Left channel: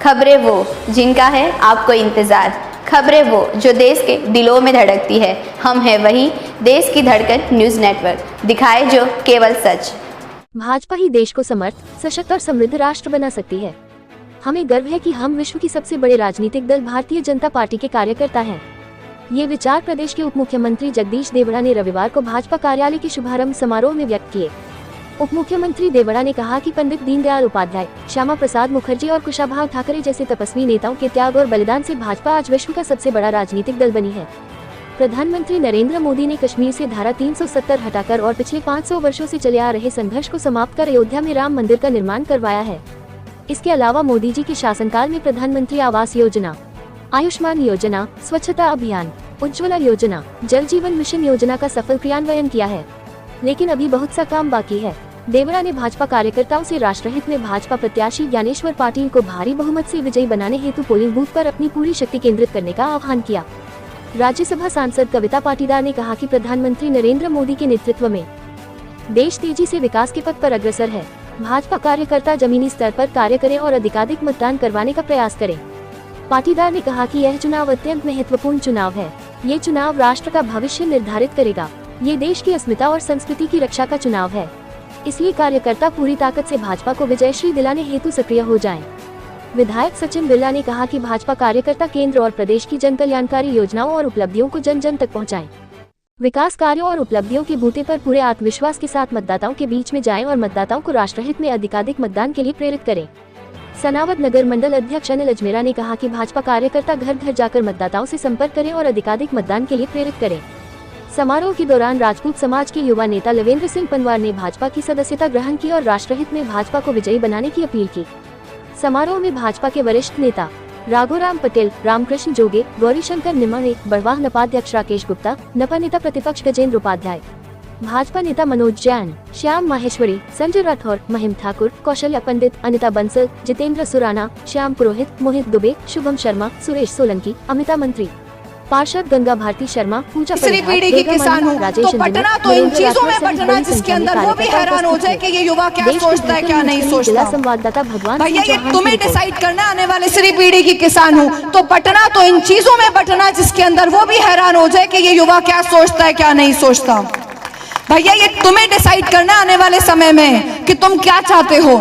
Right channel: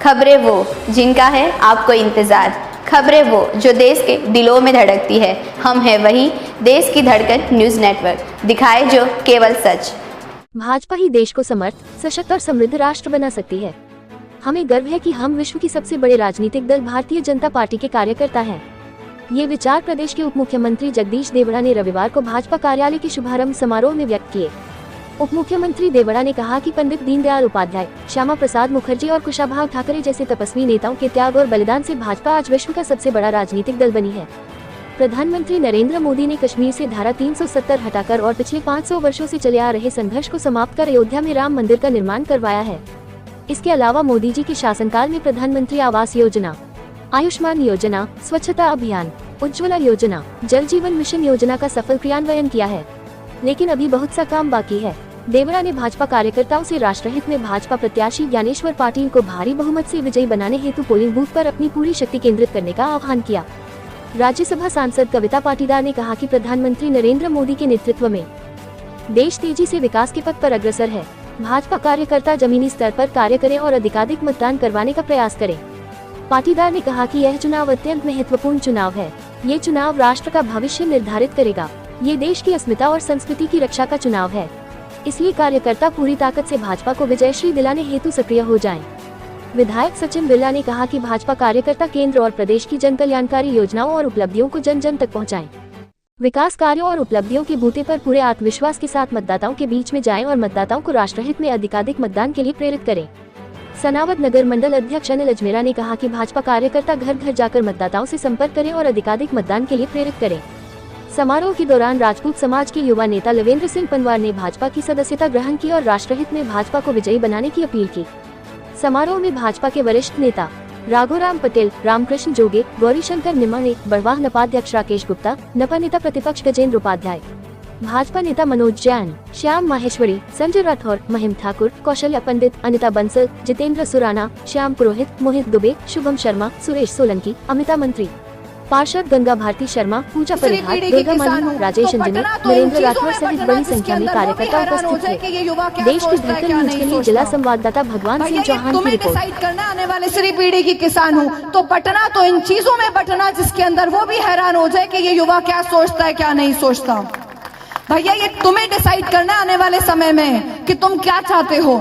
खबरें वो जिनका है आपको इंतजार, खबरें वो जो देश के दिलों में धड़कती है। हम हैं वही देश की धड़कन न्यूज नेटवर्क, दिखाए जो केवल सच। भाजपा ही देश को समर्थ, सशक्त और समृद्ध राष्ट्र बना सकती है। हमें गर्व है कि हम विश्व की सबसे बड़े राजनीतिक दल भारतीय जनता पार्टी के कार्यकर्ता हैं। ये विचार प्रदेश के उप मुख्यमंत्री जगदीश देवड़ा ने रविवार को भाजपा कार्यालय के शुभारंभ समारोह में व्यक्त किए। उप मुख्यमंत्री देवड़ा ने कहा कि पंडित दीनदयाल उपाध्याय, श्यामा प्रसाद मुखर्जी और कुशाभाऊ ठाकरे जैसे तपस्वी नेताओं के त्याग और बलिदान से भाजपा आज विश्व का सबसे बड़ा राजनीतिक दल बनी है। प्रधानमंत्री नरेंद्र मोदी ने कश्मीर से धारा 370 हटाकर और पिछले 500 वर्षों से चले आ रहे संघर्ष को समाप्त कर अयोध्या में राम मंदिर का निर्माण करवाया है। इसके अलावा मोदी जी के शासनकाल में प्रधानमंत्री आवास योजना, आयुष्मान योजना, स्वच्छता अभियान, उज्ज्वला योजना, जल जीवन मिशन योजना का सफल क्रियान्वयन किया है। लेकिन अभी बहुत सा काम बाकी है। देवड़ा ने भाजपा कार्यकर्ताओं से राष्ट्रहित में भाजपा प्रत्याशी ज्ञानेश्वर पाटिल को भारी बहुमत से विजयी बनाने हेतु पोलिंग बूथ पर अपनी पूरी शक्ति केंद्रित करने का आह्वान किया। राज्यसभा सांसद कविता पाटीदार ने कहा कि प्रधानमंत्री नरेंद्र मोदी के नेतृत्व में देश तेजी से विकास के पथ पर अग्रसर है। भाजपा कार्यकर्ता जमीनी स्तर पर कार्य करें और अधिकाधिक मतदान करवाने का प्रयास करें। पाटीदार ने कहा कि यह चुनाव अत्यंत महत्वपूर्ण चुनाव है। ये चुनाव राष्ट्र का भविष्य निर्धारित करेगा। ये देश की अस्मिता और संस्कृति की रक्षा का चुनाव है। इसलिए कार्यकर्ता पूरी ताकत से भाजपा को विजयश्री दिलाने हेतु सक्रिय हो जाएं। विधायक सचिन बिरला ने कहा कि भाजपा कार्यकर्ता केंद्र और प्रदेश की जन कल्याणकारी योजनाओं और उपलब्धियों को जन जन तक पहुंचाएं। विकास कार्यों और उपलब्धियों के बूते पर पूरे आत्मविश्वास के साथ मतदाताओं के बीच में जाएं और मतदाताओं को राष्ट्रहित में अधिकाधिक मतदान के लिए प्रेरित करें। सनावद नगर मंडल अध्यक्ष अनिल अजमेरा ने कहा कि भाजपा कार्यकर्ता घर घर जाकर मतदाताओं से संपर्क करें और अधिकाधिक मतदान के लिए प्रेरित करें। समारोह के दौरान राजपूत समाज के युवा नेता लवेंद्र सिंह पंवार ने भाजपा की सदस्यता ग्रहण की और राष्ट्रहित में भाजपा को विजयी बनाने की अपील की। समारोह में भाजपा के वरिष्ठ नेता राघोराम पटेल, रामकृष्ण जोगे, गौरीशंकर निमाणे, बड़वाह नपाध्यक्ष राकेश गुप्ता, नपा नेता प्रतिपक्ष गजेंद्र उपाध्याय, भाजपा नेता मनोज जैन, श्याम माहेश्वरी, संजय राठौर, महिम ठाकुर, कौशल्या पंडित, अनिता बंसल, जितेंद्र सुराना, श्याम पुरोहित, मोहित दुबे, शुभम शर्मा, सुरेश सोलंकी, अमिता मंत्री, पार्षद गंगा भारती शर्मा, पूजा परिहार, दुर्गा मानी, राजेश अंजनी, नरेंद्र राठौर सहित बड़ी संख्या में कार्यकर्ता उपस्थित थे। देश की धड़कन न्यूज के लिए जिला संवाददाता भगवान सिंह चौहान की रिपोर्ट। डिसाइड करना आने वाले श्री पीढ़ी की किसान हूँ तो पटना तो इन चीजों में बटना जिसके अंदर वो भी हैरान हो जाए कि ये युवा क्या सोचता है क्या नहीं सोचता। भैया ये तुम्हें डिसाइड करना आने वाले समय में कि तुम क्या चाहते हो।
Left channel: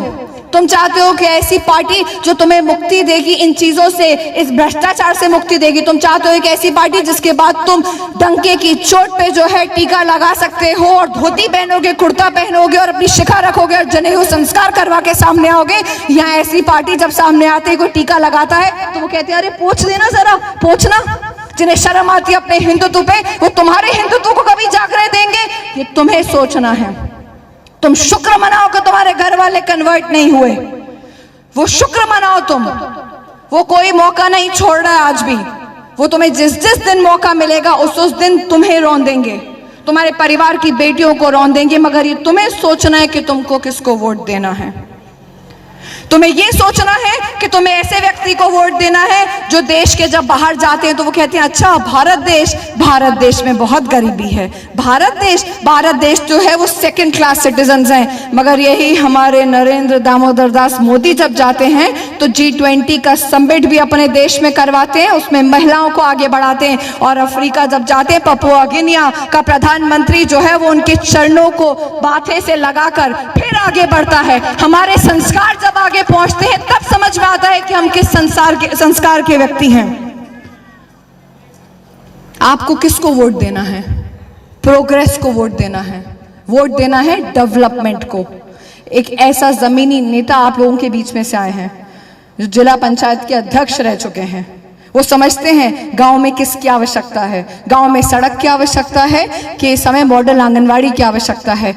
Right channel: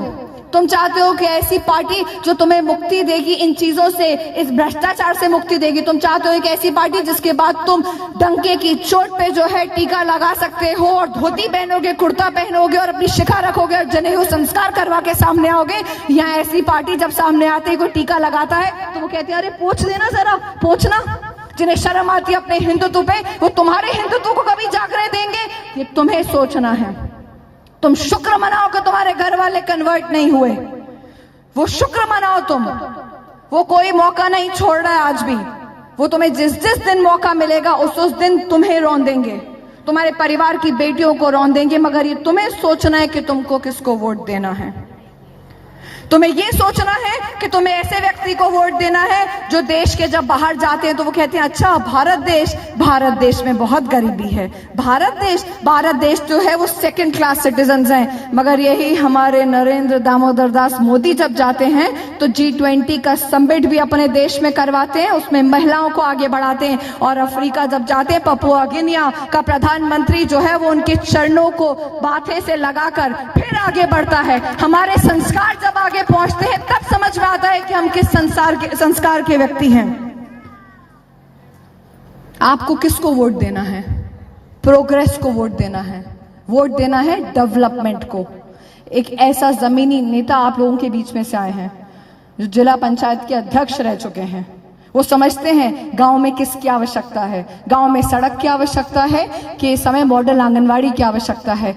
तुम चाहते हो कि ऐसी पार्टी जो तुम्हें मुक्ति देगी इन चीजों से, इस भ्रष्टाचार से मुक्ति देगी। तुम चाहते हो एक ऐसी पार्टी जिसके बाद तुम डंके की चोट पे जो है टीका लगा सकते हो और धोती पहनोगे, कुर्ता पहनोगे और अपनी शिखा रखोगे और जनेऊ संस्कार करवा के सामने आओगे। यहाँ ऐसी पार्टी जब सामने आते कोई टीका लगाता है तो वो कहते हैं अरे पूछ देना जरा, पूछना। जिन्हें शर्म आती है अपने हिंदुत्व पे वो तुम्हारे हिंदुत्व को कभी जागने देंगे? ये तुम्हें सोचना है। तुम शुक्र मनाओ कि तुम्हारे घर वाले कन्वर्ट नहीं हुए। वो शुक्र मनाओ तुम। वो कोई मौका नहीं छोड़ रहा है आज भी। वो तुम्हें जिस जिस दिन मौका मिलेगा उस दिन तुम्हें रौंद देंगे, तुम्हारे परिवार की बेटियों को रौंद देंगे। मगर ये तुम्हें सोचना है कि तुमको किसको वोट देना है। तुम्हें ये सोचना है कि तुम्हें ऐसे व्यक्ति को वोट देना है जो देश के जब बाहर जाते हैं तो वो कहते हैं अच्छा भारत देश में बहुत गरीबी है। भारत देश जो है वो सेकंड क्लास सिटीजन्स हैं। मगर यही हमारे नरेंद्र दामोदर दास मोदी जब जाते हैं तो G20 का समिट भी अपने देश में करवाते हैं, उसमें महिलाओं को आगे बढ़ाते हैं। और अफ्रीका जब जाते हैं पपुआ गिनिया का प्रधानमंत्री जो है वो उनके चरणों को माथे से लगाकर फिर आगे बढ़ता है। हमारे संस्कार जब आगे पहुंचते हैं तब समझ में आता है कि हम किस संस्कार के व्यक्ति हैं। आपको किसको वोट देना है? प्रोग्रेस को वोट देना है, वोट देना है डेवलपमेंट को। एक ऐसा जमीनी नेता आप लोगों के बीच में से आए हैं जो जिला पंचायत के अध्यक्ष रह चुके हैं। वो समझते हैं गांव में किसकी आवश्यकता है, गांव में सड़क की आवश्यकता है कि समय मॉडल आंगनवाड़ी की आवश्यकता है।